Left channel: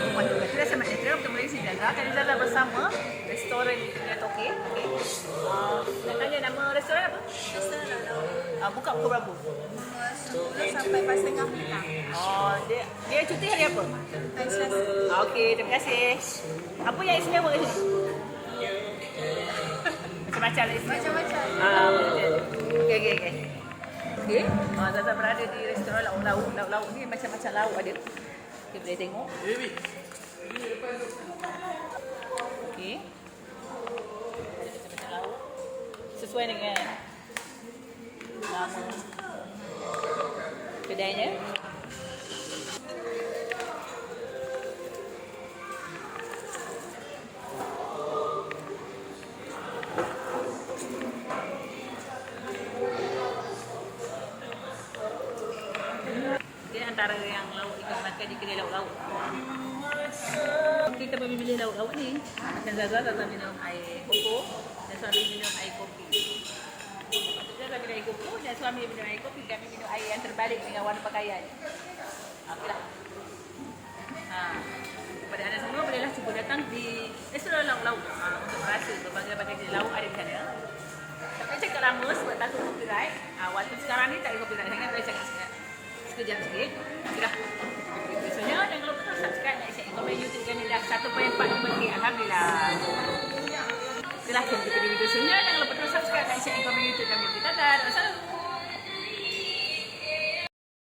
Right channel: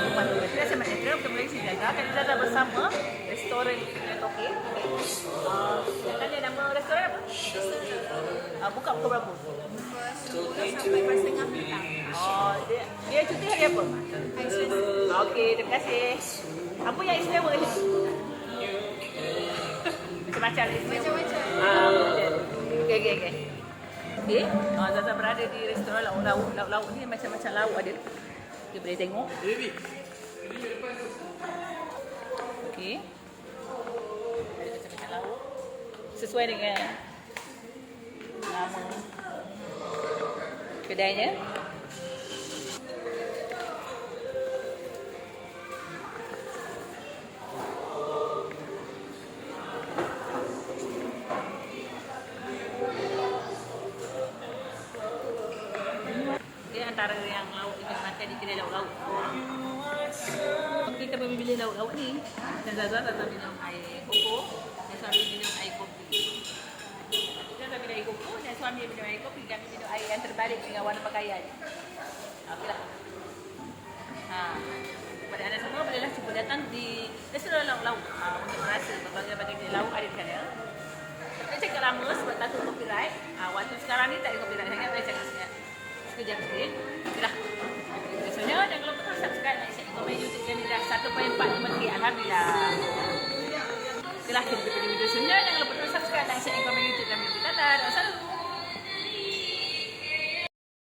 Tuan. Kita sama Netra bertemu lagi sini Zaza. Kali Zaza bersama restoran Net Okey. Okey. Nak tanya nama restoran apa? Buka pukul berapa? Pukul 10 sampai 4.30 petang. Dia cuti hari apa? Hari Selasa. Okey, terima kasih. Apa yang istimewa kat sini? Macam-macam lah istimewa. Macam-macam. Okey. Okay. Zaza berada di restoran lauk-lauk. Lauk-lauk ni macam-macam lauk ada. Kita boleh tengok. Okey. Macam-macam lauk. Sesuai dengan nama kedainya. Dia antara yang lauk ingin makan di kedai lauk-lauk. Kita memilih lauk-lauk ni. Macam Zaza minum air koko dan suami minum air kopi. Zaza minum air koko dan suami minum air kopi. Kami minum air yang terbalik dengan warna pakaian. Okeylah. Kepada anda semua bolehlah cuba datang di restoran lauk-lauk untuk merasa berbagai-bagai jenis lauk ada di sana. Tapi cakap lama sebab takut copyright. Waktu sekarang ni tak ada copyright sangat, boleh cakap sekejap sikit. Okeylah. Biasanya jangan lupa subscribe, like, share, komen YouTube kami dah 1.45k. Alhamdulillah. Okeylah, kita jumpa di video selanjutnya. Jangan lupa subscribe, like, share, komen YouTube kami. Dadah. Wassalamualaikum.